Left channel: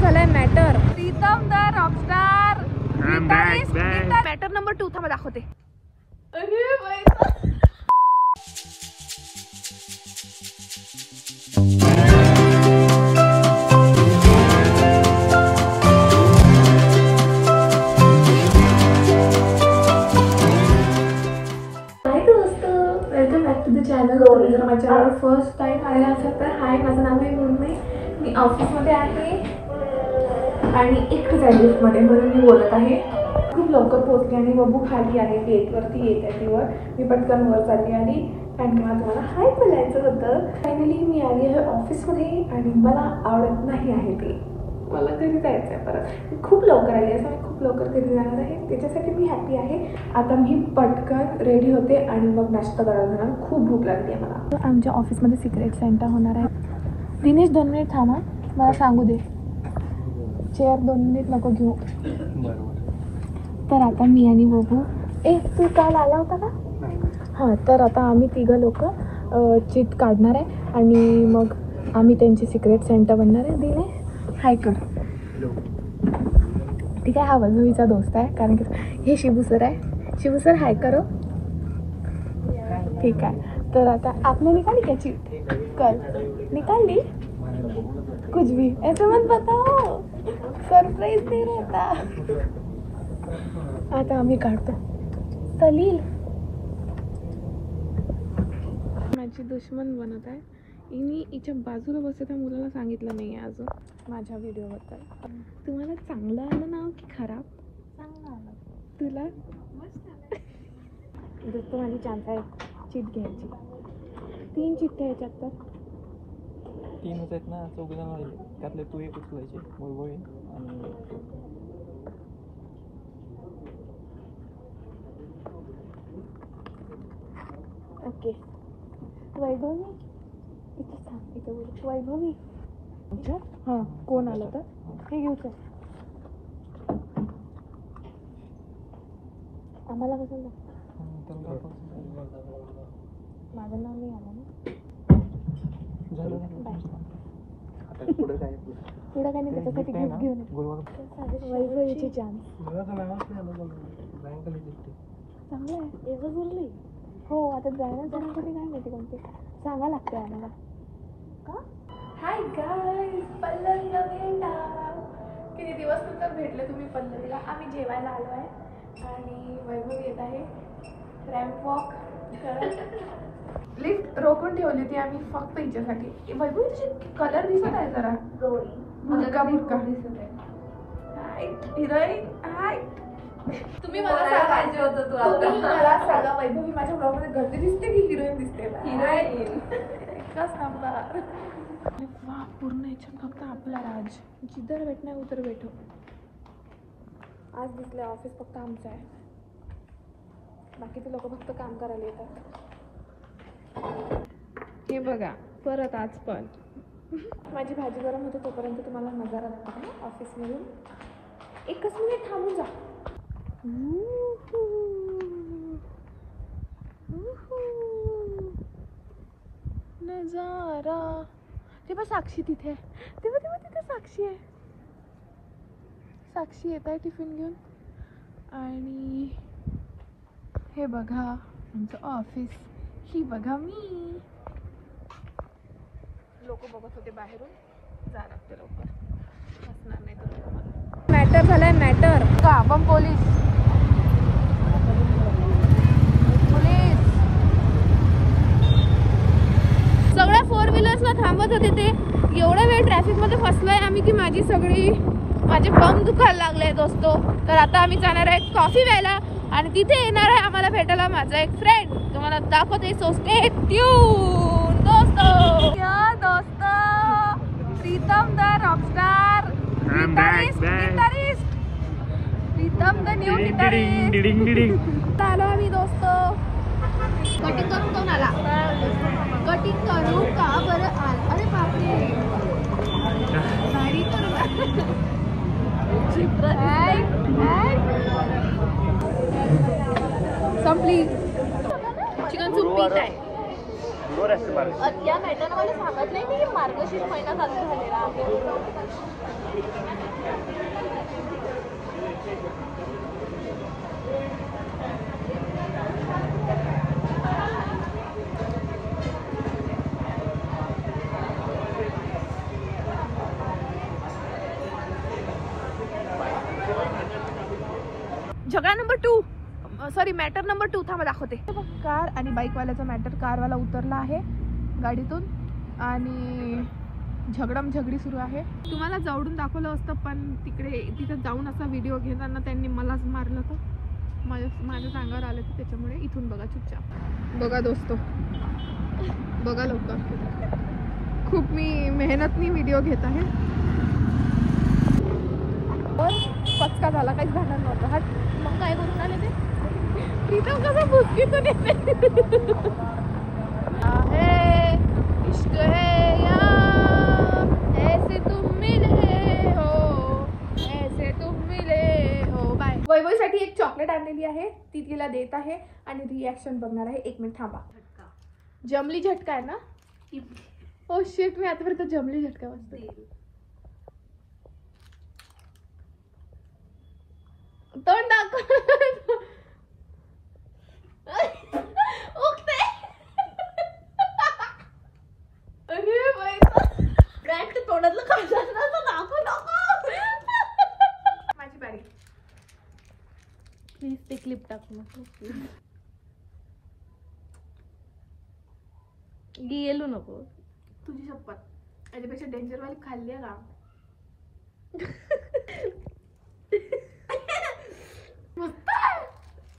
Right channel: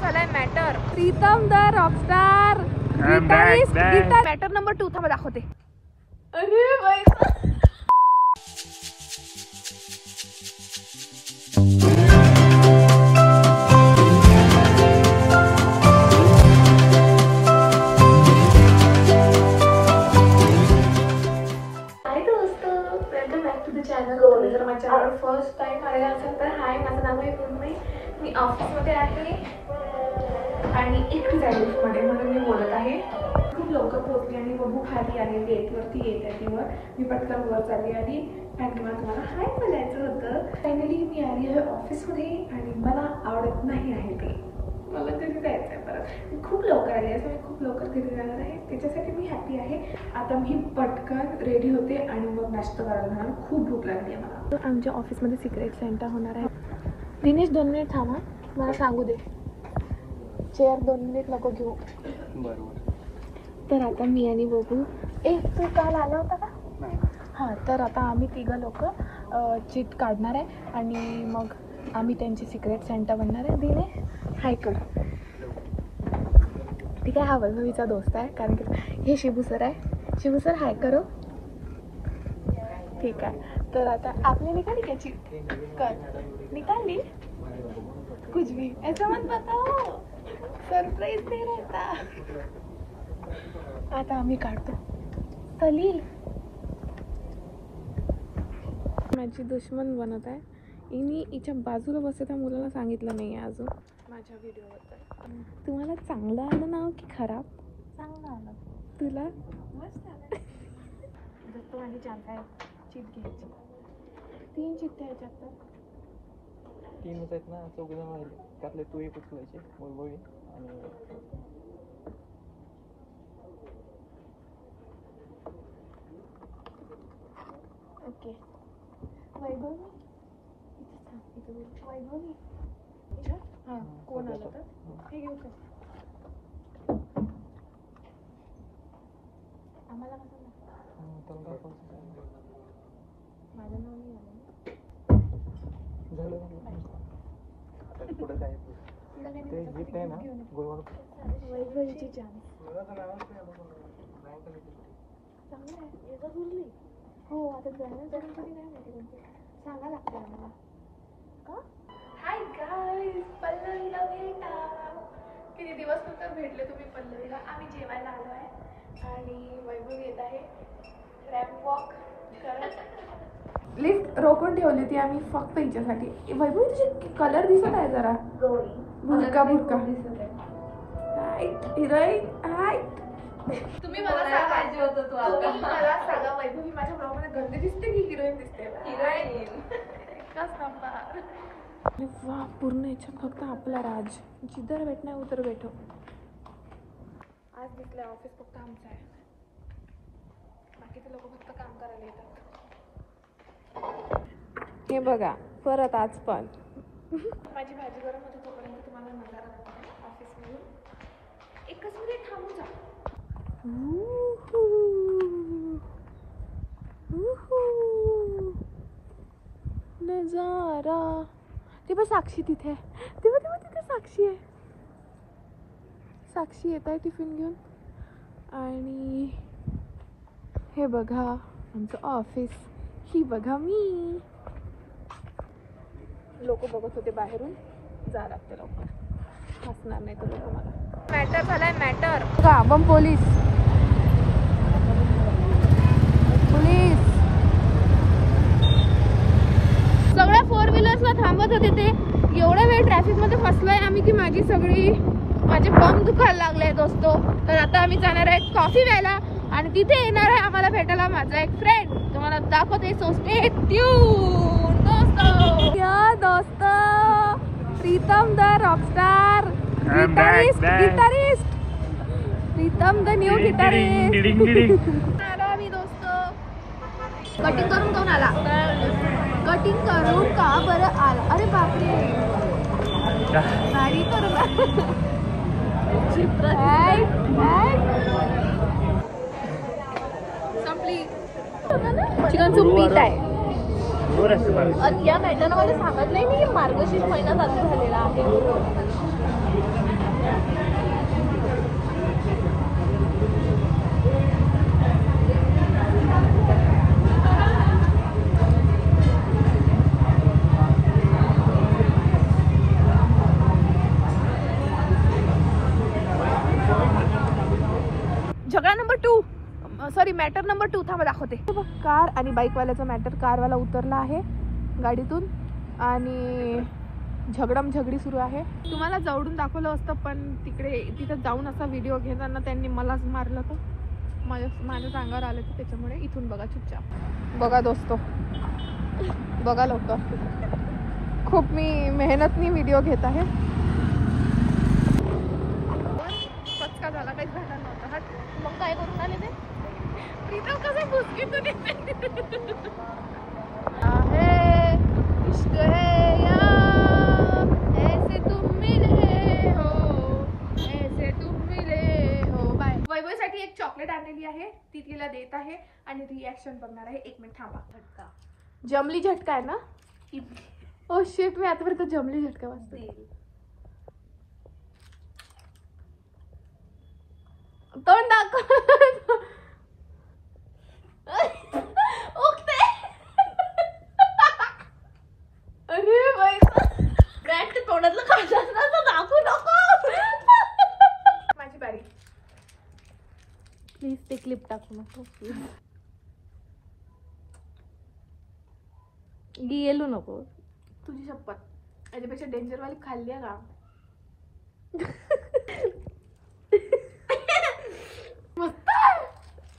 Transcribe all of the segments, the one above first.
झालाय matter. Pritam the Rockstar guitarist. Matter number 2 थांबा दाखवते. अरे बाई जर माझ्या चॅनलवर फर्स्ट टाइम आलेला असेल तर हाय, माझं नाव आहे मुन्मयी. मी ऑफिसमध्ये आहे आणि एकटीच आहे लिफ्टमध्ये, म्हणून मी बोलत आहे. खूप लवकर पोहोचली आणि बबू खाली आहे, गेटवरती येत आहे तिवर. मी पटकन वर चालली आली कारण की मला तुम्हाला हाय बोलायचं होतं. फायनली मी आली आहे ऑफिसमध्ये आणि मला आवडत नाही आहे ते. मला घरी जायचं आहे परत. मी खूप लवकर आली, असं मी खूप लवकर घरी जाणार आहे, त्याच्यासाठी मी हॅपी आहे. आता मी पटकन रेडी होते आणि मग नाश्ता करायला जाणार. खूप भूक लागली आहे मला. आमच्या ऑफिसमध्ये सिक्रेट सेंटर होणार आहे. दिनेश 2 मिनिट थांबा, मला सांगू दे. चेअर 2 मिनिट नको घेऊ. तर आता मी आणि बबू, तू काल आला होता का? हां, तर आता आम्ही 3 लोक चिट काढणार आहे आणि मग आम्ही त्यांची सिक्रेट सेंटर बनणार आहे. दिनेश हाय कर. ठीक आहे, हा वैभवीचा दोस्त आहे कारण की हे शिबू सर आहे. शिबू सर हाय करो. ठीक आहे, तर आता आपने निकाली क्या चिट? कल निकाली कुछ भी ऐसे मत बताओ, सरप्राइज दे रहता. आता आम्ही काढतो. सलील माझी दुश्मन बनत आहे. हिने हिच्या बाजूला बसते त्या मुलाला सांगितलं नाही आहे अजून माझ्या व्हिडिओबद्दल. तुम्हाला चांगलं आलं ना की खराब? चांगलं आलं. तुला दोस्तो माझी चान्स आहे चिट घ्यायची. 3 चिठ्ठ्या याच्यात तर 3 आहेत ना, चौघांमध्ये त्यातले तू एक उचलायचे. ओके. वैभवी इथं सांग, इथं बोल. वैभवी हां, कोण आलं तर हे घेऊ चल. आम्हाला कसं माझं नाव नाही आलं ना. बाय. पुढं काही नाही, त्याच्यासाठी गिफ्ट घेऊन वैभवीची चान्स. चांगलं आहे एवढं बोलली. हो, आता ड्रायव्हर जाण्यासाठी काय माहिती कोणते सांगा लागते आम्हाला. हाय गाईज, पल्लवीला भेटा. किती दिवस नंतर भेटले तुम्ही पल्लवीला. आम्ही जेवायला आलो आहे आणि वैभव येत आहे. रॅम्प वॉक लिफ्ट रोखून ठेवली ती आम्ही फक्त हिच्यासाठी. वैभव तुझे कलर दिसत आहे जरा. बुडका बुडका हिरोईन. हाय, तुम्ही मला सांगा, तुम्ही मला सांगा वैभवी माझ्या ब्लॉगमध्ये गर्दी दिसते की हिरोईन दिसते? हिरोईन. एकच नंबर. वाह, पूर्ण याच्यात फक्त आपला राज. जिधर बैठना है उधर बैठो. आज दिसलं ऑफिस फक्त आमचं आहे, बाकीचे लोक फक्त काम करायला येतात. हे बघा परत आज पण माझी भाजी गरम होते तोपर्यंत तुम्हाला नजारा दाखवते ऑफिसमधून. 1 मिनिट थांबून जा. नजारा. ते बघ साक्षी तिथे, ते बघ तिथे साक्षी आहे. साक्षी येत आहे टिफिन घेऊन. आणि हे बघा आमचं ऑफिस. ही बघा मी. लोक बघत होते बाहेरून. जा लागते लवकर, हसणार नाही तर लोक मला. मॅटर झालाय मॅटर का पण पोलीस सगळ्या 4 व्हीलर्सला थांबत होते. ते एवढा वेळ ट्रॅफिकमध्ये फसलोय आम्ही की माझे बम दुखायला लागले दोस्तो. तर आता आम्ही जाणार आहे कॉफी प्यायला आणि तिथे येणार आहे आम्हाला भेटायला माझा एक फ्रेंड. तुम्हाला दाखवते, सो स्टे ट्यून दोस्तो. Pritam the Rockstar guitarist. Pritam the new guitarist. आलो आम्ही दोस्तो. कटिंग करून कोण आला? कटिंग करू का बरं आला? अरे बापरे, नाही करू. संपली. चिकन सूप पीत आहे. या भेटायला मला सांगत नाही मी मार्गशीर्ष महिना चालू झालेला आहे. Number 2, sorry matter number 2. थांबा दाखवते. कार आणि बाईकवाल्याचा मॅटर. कारवाला उतरला आहे गाडीतून आणि झगडी सुरू आहे. तुम्हाला जवळून दाखवलं असतं पण तिथे जाऊन असा व्हिडिओ घेताना त्यांनी मलाच मारलं. तर माझ्या अंगावर आलं तर त्याच्यामुळे इथून बघा चुपचाप. बघा दोस्तो, बघा लोक, खूप मी मेहनतनी व्हिडिओ घेत आहे. पण पचका झाला, काहीच झालं नव्हतं. हा मग काय करून आले ते प्रीतम कसं बुसकीतून येते. आहे इश्क है यार, ऐसे तुम मिले हो, ऐसे तुम मिले हो. बाय. वैभवसाठी एक चॉकलेट आणलेली आहे, ती तिला देत आहे आणि रिॲक्शन बघणार आहे. 1 मिनिट थांबा. जमली झटका आहे ना. ओ शेट, मी आतापर्यंत जमली झटका वाजते. तोंड दाखव. उगते. अरे बाई, ब्रँड तोंडातलं खाल्लं ना तर दाखवू नको. माझी बारी. प्लीज ते क्लिप टाकू नको. गेलो नको. तुझी शपथ, याच्यापेक्षा डेंजरवाली खाल्ली आहे का.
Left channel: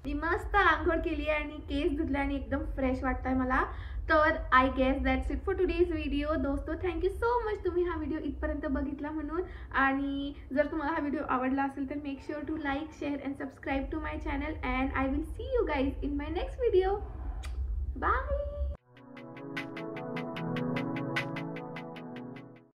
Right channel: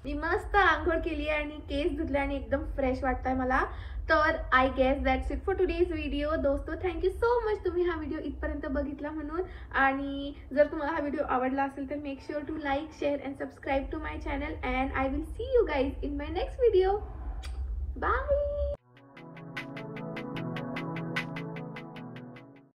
मी मस्त आंघोळ केली आणि केस धुतले आणि एकदम फ्रेश वाटतंय मला. तर I guess that's it for today's video. दोस्तो, थँक्यू सो मच तुम्ही हा व्हिडिओ इथपर्यंत बघितला म्हणून. आणि जर तुम्हाला हा व्हिडिओ आवडला असेल तर make sure to like, share and subscribe to my channel. And I will see you guys in my next video. Bye.